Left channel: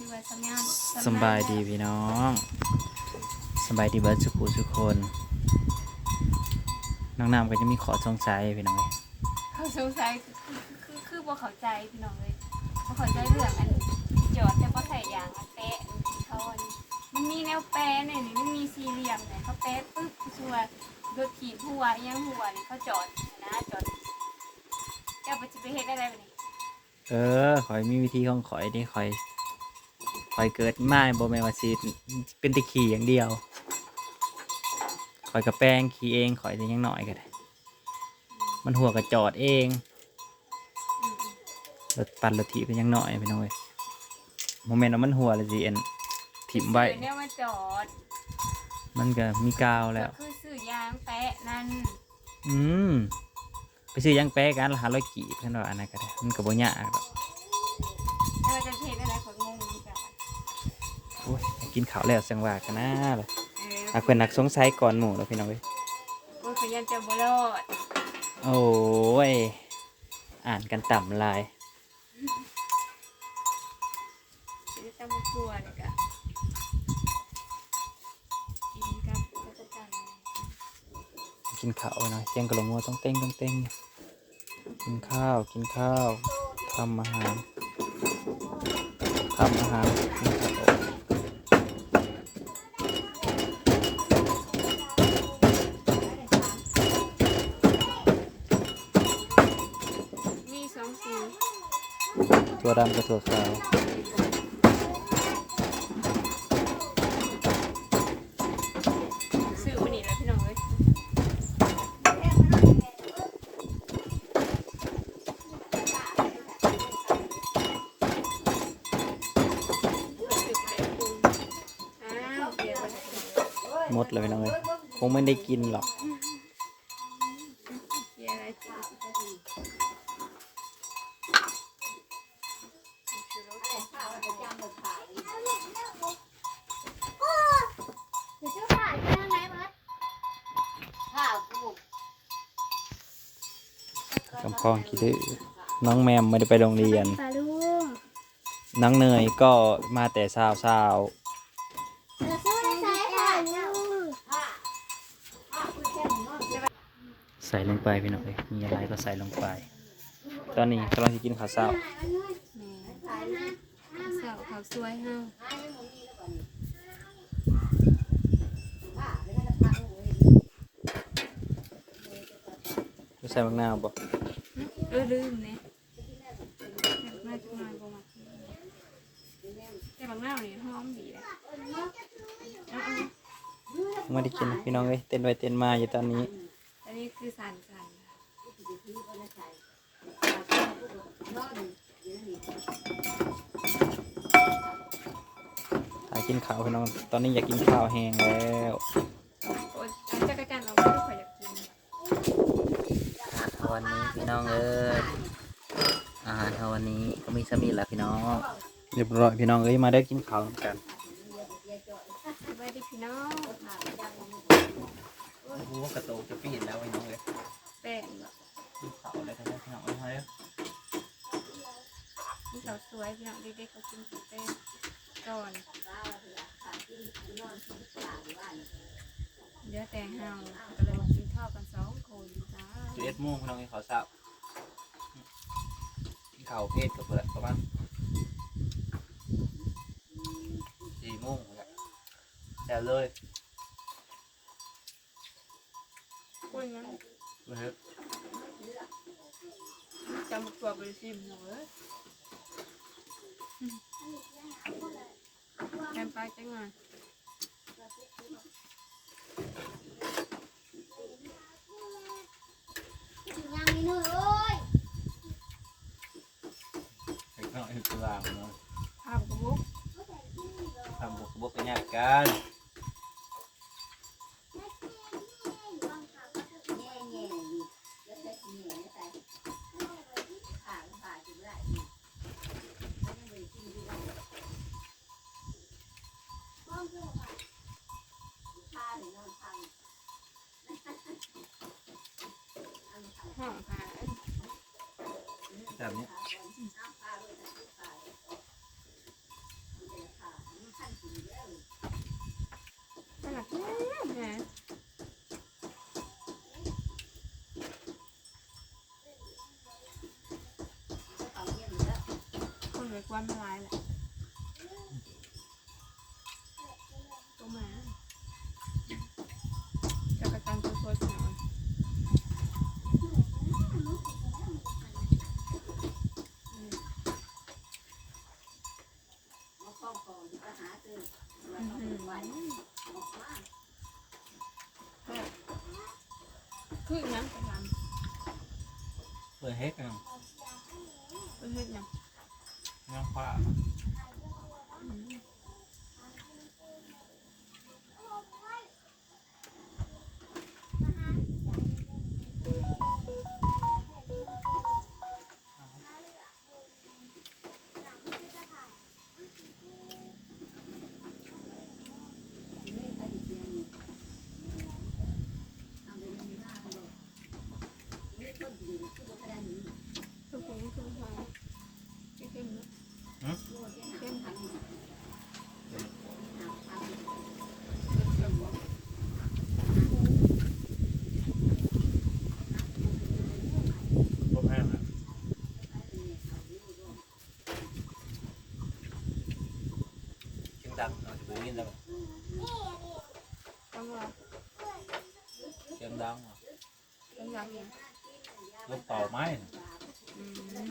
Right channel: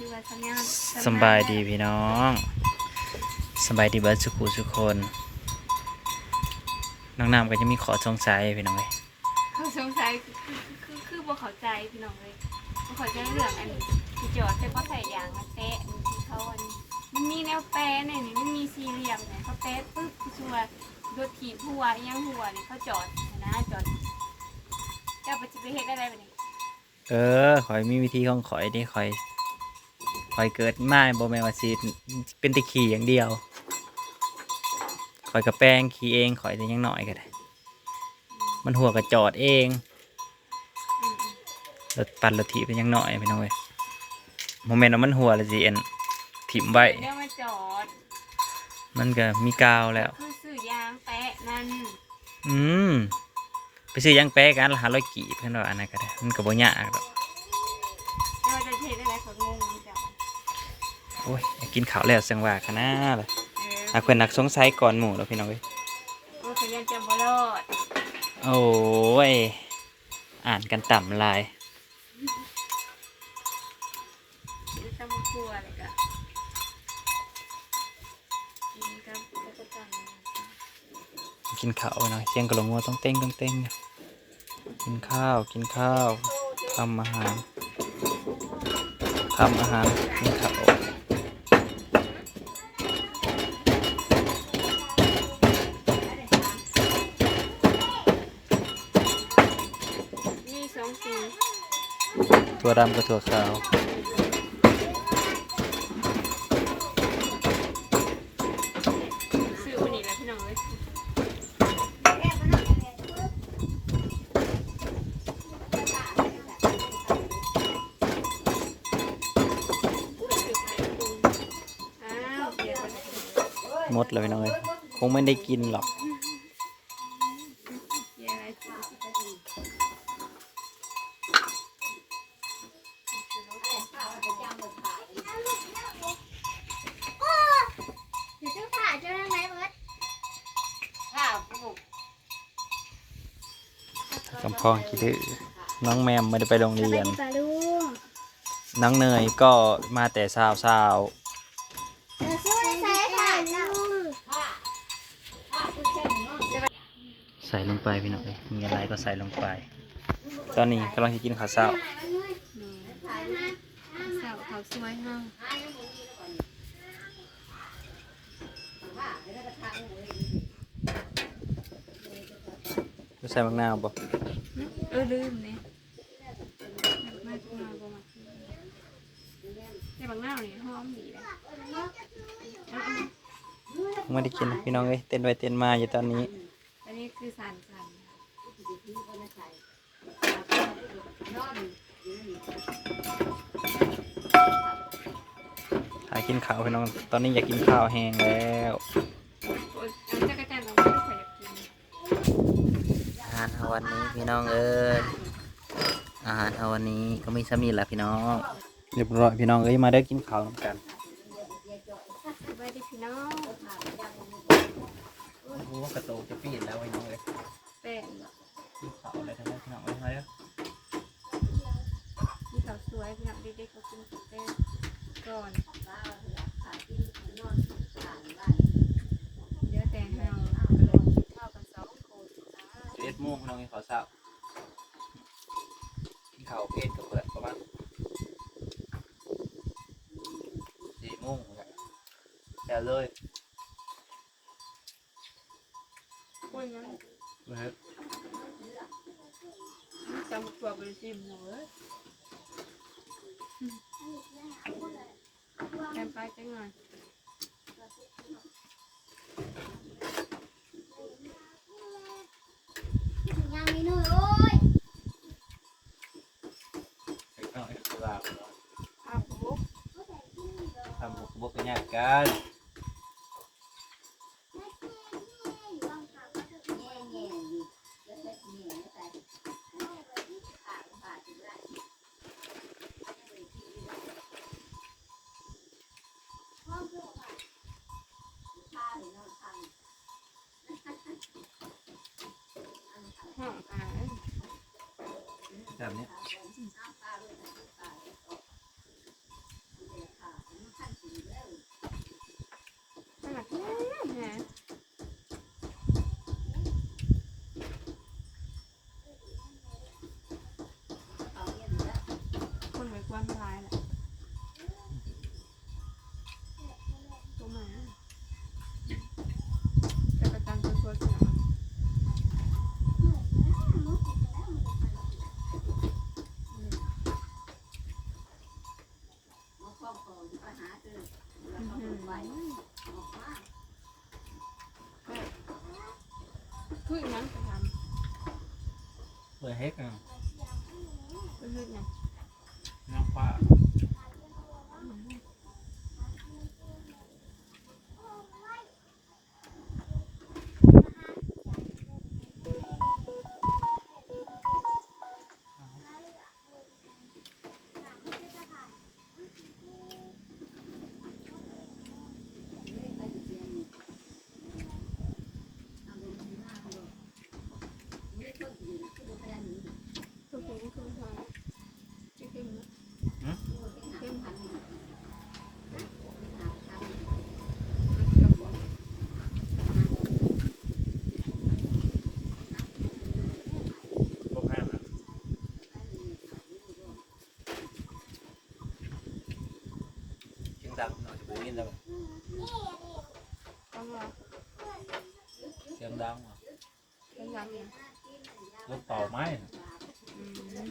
ชื่อว่าสัญญาณสำบายดีพี่น้องสำบายดีเบิร์ดสุขุทุกคนน้องน้ำก็จะมีขอสงสัยพี่น้องเลยเขาสงสัยคือคือคือบ่เข้าใจพี่น้องเลยบ่เข้าใจเรื่องอันนี้ที่จอดแต่ก็ใส่ยางมาแปะอันนี้เขาอันนี้มันมีแนวแปะหน่อยนี่มันมีสี่เหลี่ยมเนี่ยเขาแปะปึ๊บคือชัวร์รถขีดหัวอิหยังหัวนี่เขาจอดนะจอดเจ้าไปจะไปเฮ็ดอะไรแบบนี้เออขอยมีวิธีของขอยที่ขอยข อยเกิดมาบ่แม่นว่าสิเป็นแตะขี่อย่างเดียวขอยกับแป้งขี่เองขอยจะยังหน่อยก็ได้ มันหัวกระจอดเองอืมรถปั่นรถถีบเป็นยังหน่อยพี่น้องเว้ยโมเมนต์ว่ามันหัวและสิเอ็นถิ่มไว้ๆเนี่ยมาจอด มันก็มีกาวแล้ว คือซื้อยางแปะนั่น อืม ไปซื้อยางแป๊กันละหาร้อยกีบเพื่อนว่าอันนั้นก็ได้ มันก็บ่ยากดอก ไม่ว่าจะเฮ็ดอะไรคนงงมันจะ โอ้ยอยากกินข้าวแล้วเสียงว่ากันนะเลยเอออาเพื่อนนักสงสัยก่อนหมู่แล้วพี่น้องเว้ยโอ้ยคือยังจะบ่รอดโอ้ยอ่านกันต่ำลายจะต้องมากลัวเลยกะกินกับจักรจันทร์กินข้าวไปหน่อยเสียงกระโหลงวัวต้องเต้งต้องเต้งเนี่ยกินข้าวกินข้าวทำอาหารทำอาหารกินข้าว ตัวดำกับตัวขาว ซื้อวันนี้เลยพี่น้องเอ้ยอ้าวเดี๋ยวหมดเลยพี่น้องเอ้ยคงไม่ได้กินหรอก เดี๋ยวไอ้จี เดี๋ยวจะผ่านจะทำไมมดข้าวปลูก กำพองคิดดื้อน้องแมมไม่ได้ไปโรงเรียน ปลาลุงน้องเนยก็มาแต่เช้าเช้าเดี๋ยวช่วยใส่ถ่านลุงๆใส่ลงไปพี่น้องเอ้ยมีอะไรก็ใส่ลงไป ตอนนี้กำลังจะกินข้าวเช้าแม่เสาเขาสวยเนาะจะใส่มะนาวบ่ เออลืมเนี่ยมาจุมาบ่มาแต่บางหน้านี่หอมดีเลยอะไม่ได้กินนะพี่น้องเอ้ยเต้นไปเต้นมาอยู่ตอนนี้ๆอันนี้คือสันสันหากินข้าวพี่น้อง ตอนนี้อยากกินข้าวแห้งแล้ว โอ้ยอันจักรจันทร์เราไม่ค่อยอยากกิน อาหารเช้า วันนี้พี่น้องเอ้ยอาหารเช้าวันนี้ก็มีสามีแหละพี่น้องเรียบร้อยพี่น้องเอ้ยมาได้กินข้าวนำกันสบายดีพี่น้องโอ้โหกระโตกจะปีนแล้วพี่น้องเอ้ยแป้งกินข้าวอะไรกันได้พี่น้องเอ้ยเฮ้ยมีสาวสวยพี่น้องเด็กๆก็กินแป้งก่อนเดี๋ยวแต่งเฮาก็เลยกินข้าวกันสองคนจ้า สิบเอ็ดโมงพี่น้องเอ้ยขอทราบกินข้าวเพศกับเพื่อนประมาณสี่โมงแหละแต่ เลยคุยงั้นนะครับจำตัวเป็นชิมหัวแกมปลาจังหน่อยยังมีนู่นโอ้ยไอ้ข้าวไอ้ปลาเนาะภาพกระบุกทำบุกบุกกันยากกัน แบบนี้สลัดเยอะแยะคนรวยกวนมาลายแหละ คืออีหยังไปทเปิดเฮ็ดกันำไปเฮ็ดหยังน้องฟ้า ตัวกูคือทางที่ขึ้นนะขึ้นทาง บ่แพ้นะจึงดังหน่อยจะไปยินแล้วไหม ต้องรอ เสียงดังว่ะ ต้องยังอีก ลูกเต่าไม้น่ะ อืม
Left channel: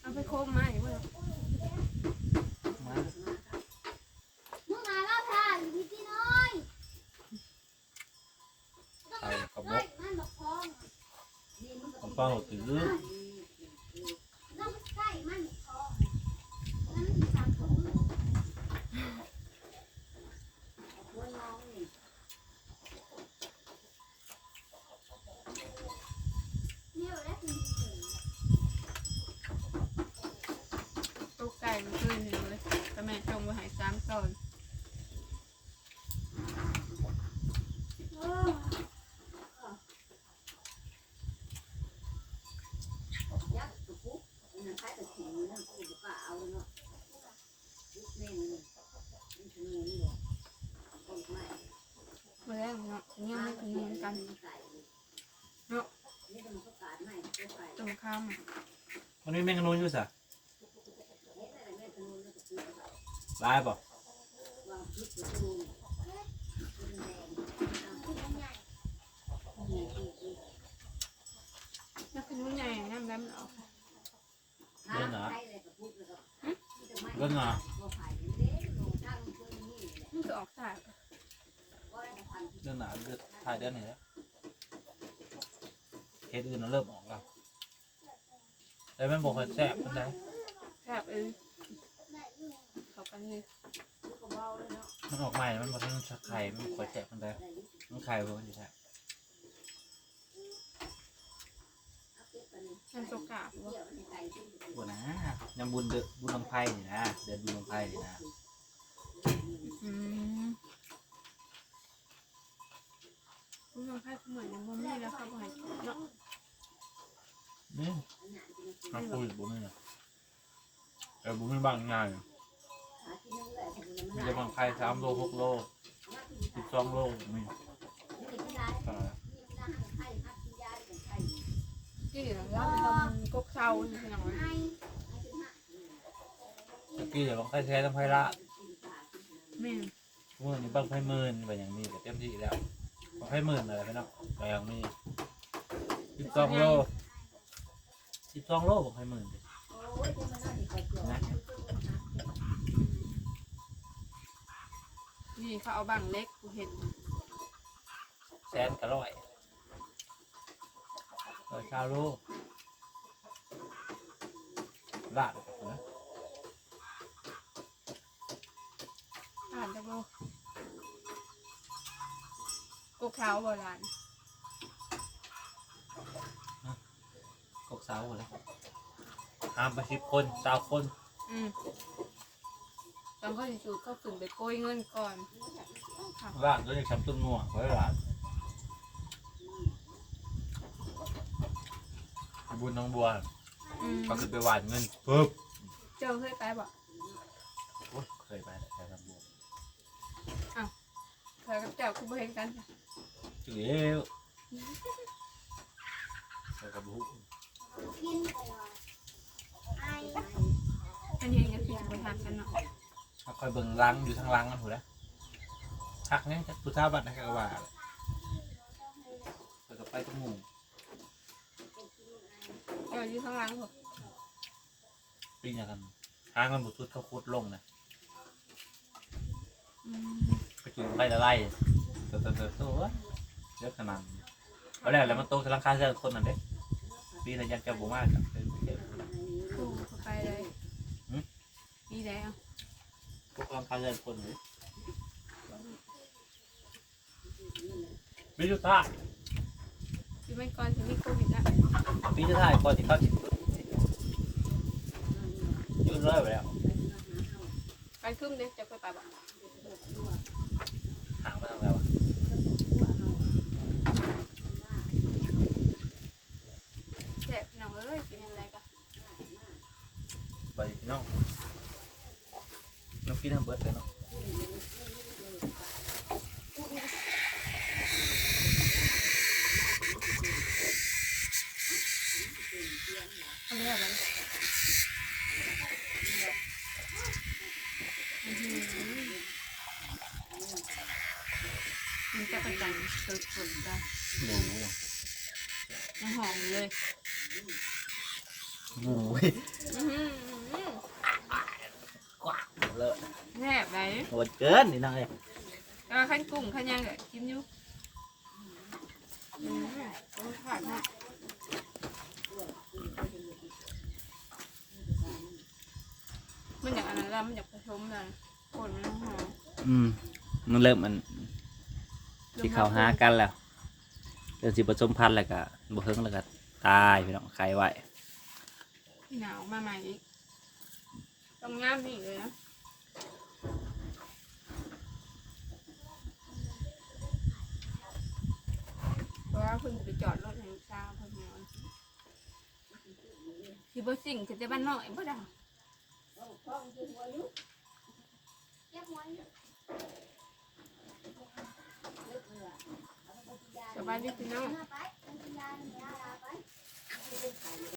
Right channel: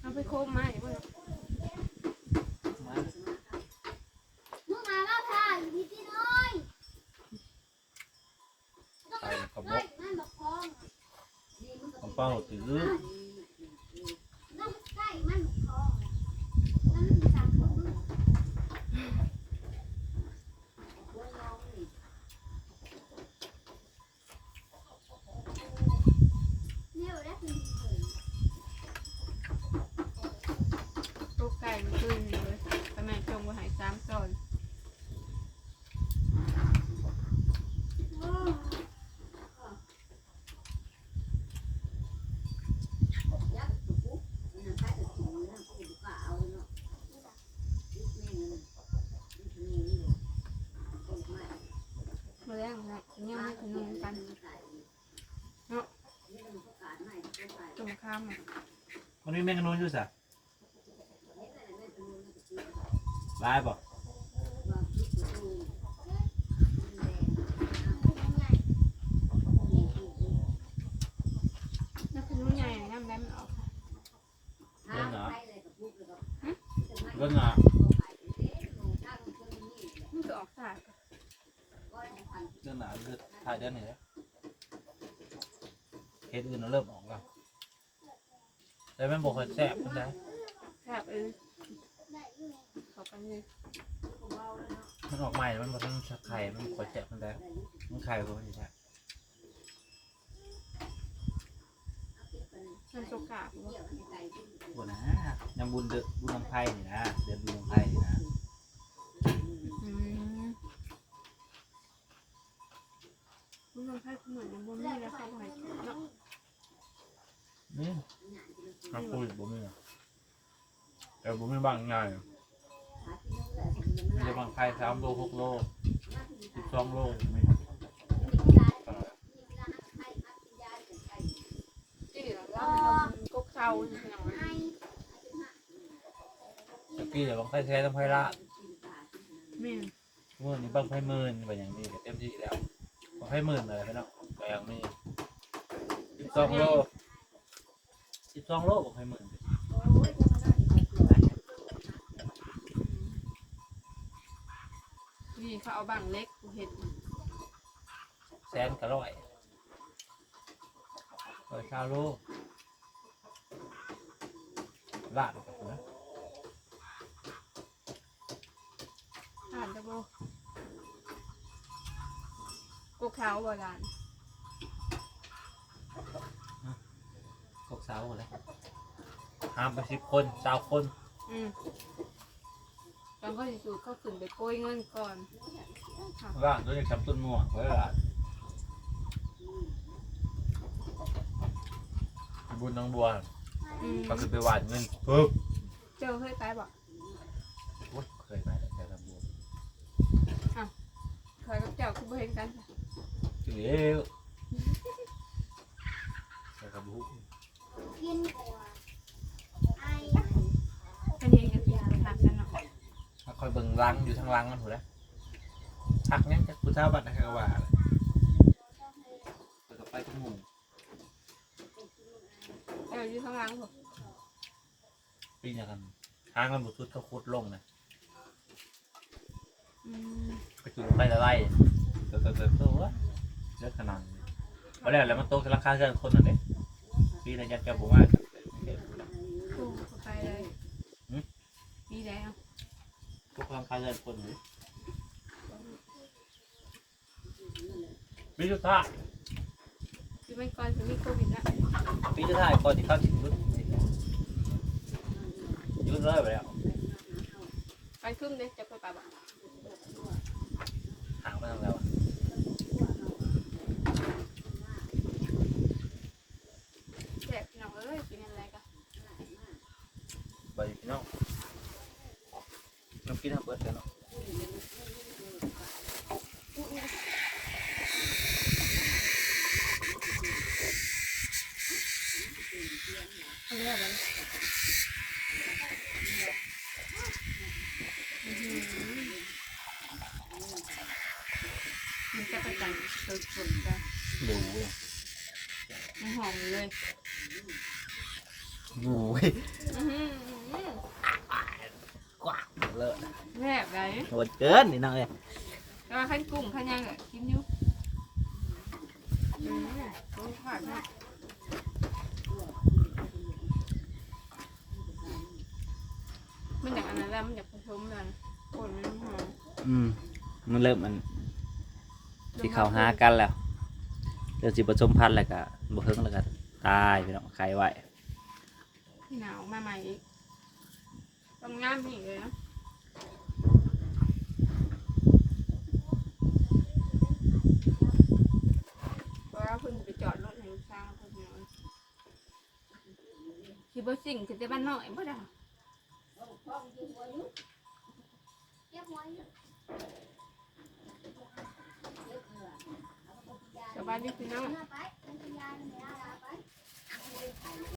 เอา ไปโคมมาอย่าเพิ่งไม้มึงมาแล้วค่ะพี่ที่น้อยไข่กระบกยนั่นบอกฟ้องของเป้าถือ ต้องใกล้มันฟ้องมันจำผมคนน้องนี่ เนี่ยแล้วคุณ ตัวไก่มันขึ้นเลยแต่แม่จงไว้ใหายสามตอนยักษ์ปุ๊บนั่นใครจะกินนั่นก็บุกเอาเนาะเม่นนี่คือนี่หรอต้นไม้มาแล้วเนาะยังไม่ถึงนกันตรงข้ามอะมันมีแมงกะนูนอยู่สะ ลายบอกนักขนุนใหญ่น้ำแบมออกเรื่องหนาเรื่องหนามันก็ออกสากเรื่องหนาเลือดถ่ายได้ไหนแล้วเฮ็ดอื่นเราเริ่มออกแล้วแต่มันบอกให้แซ่บมันได้แซ่บเออ เขากันเลยมันออกใหม่ มันบอกว่ามันไข่ มันขอแซ่บมันได้มันไข่บ่มันสิแซ่บมันตัวกาบวะบ่นะยังบุญเดือบุญลำไผ่นี่นะ เดือนบุญลำไผ่นี่นะอืมคุณลองไพ่คุณเหมือนยังบ่มีแล้วเขาบ่ให้เนาะนี่ฮักคุยบ่มีอะแต่บ่มีบางงาน มีแต่บางไข่สามโลหกโลสิบสองโลมีเออที่เราล่ำทำกกเซาใช่ไหมตะกี้เดี๋ยวบางไข่แท้ต้องไข่ละแม่มื่อนี้บางไข่หมื่นแบบอย่างนี้ก็เต็มที่แล้วบางไข่หมื่นอะไรไปเนาะแต่อย่างนี้สิบสองโลสิบสองโลบางไข่หมื่น นี่เขาเอาบังเล็กกูเห็นแสนกะร้อยเออชาวโลลาดกับนะอ่านจะบ่กกเซาโบราณกกสาวเลยห้ามไปสิบคนสาวคน อืม ตอนเขาสิสูตรเขาขึ้นไปโกยเงินก่อนว่างตัวจะทำต้นง่วงไว้หลานบุญน้องบัวอืมเขาขึ้นไปหวานเงินปึ๊บเจ้าเคยไปบ่โอ้ยเคยไปแต่แถวน้องบัวเคยกับเจ้าคือบ่เห็นกันจ้ะเลี้ยวไปกับบุกิน อยเบิ่งลังอยู่ทางลังมันถูกแล้วทักเนี่ยจะผู้เท่าบัตรนะครับว่าเลยเปิดกับไปตุ้งหูเอออยู่ข้างหลังผมปีนี้กันทางมันบุทุดเขาคุดลงนะอืมก็คือไล่ละไล่ตัวตัวตัวตัวเยอะขนาดนี้เอาแล้วแล้วมันโตขึ้นราคาเกินคนนั่นเองปีระยะแกบุมากครับกูเข้าไปเลยมีอะไรอะ พวกราคา เกินคนหรือปีสุดท้ายคือไม่ก่อนจะมีโควิดละปีสุดท้ายก่อนที่เขาติดยุดยุดเลยไปแล้วไปขึ้นเลยจะไปไปบอกห่างไปทางแล้วอะแซ่บพี่น้องเอ้ยกินอะไรกันไปพี่น้องน้อง กินทำเบิร์ดกันเนาะทำอะไรกันอื้อหือมันจะประจันสดๆกันดูเลยมันหอมเลย โอ้ย อื้อหือก ว้างเลย แซ่บไร โหดเกินนี่น้องเอ้ยแต่ว่าขั้นกุ้งขั้นยังเลยกินอยู่อืมโอ้ขาดมากมันอยากอันนั้นแล้วมันอยากผสมเลยคนมันหอมอืมมันเริ่มมันสิเข้าหากันแล้วเริ่มสิผสมพันธุ์แล้วก็บ่เฮิงแล้วก็ตายพี่น้องไข่ไว้พี่หนาวมาใหม่อีกต้องงามอีกเลยนะเพราะว่าเพิ่งจะไปจอดรถในลูกสาวเพิ่นนอนสิ บ่สิ่งคือจะบ้านน้อยบ่ได้สบายดีพี่น้อง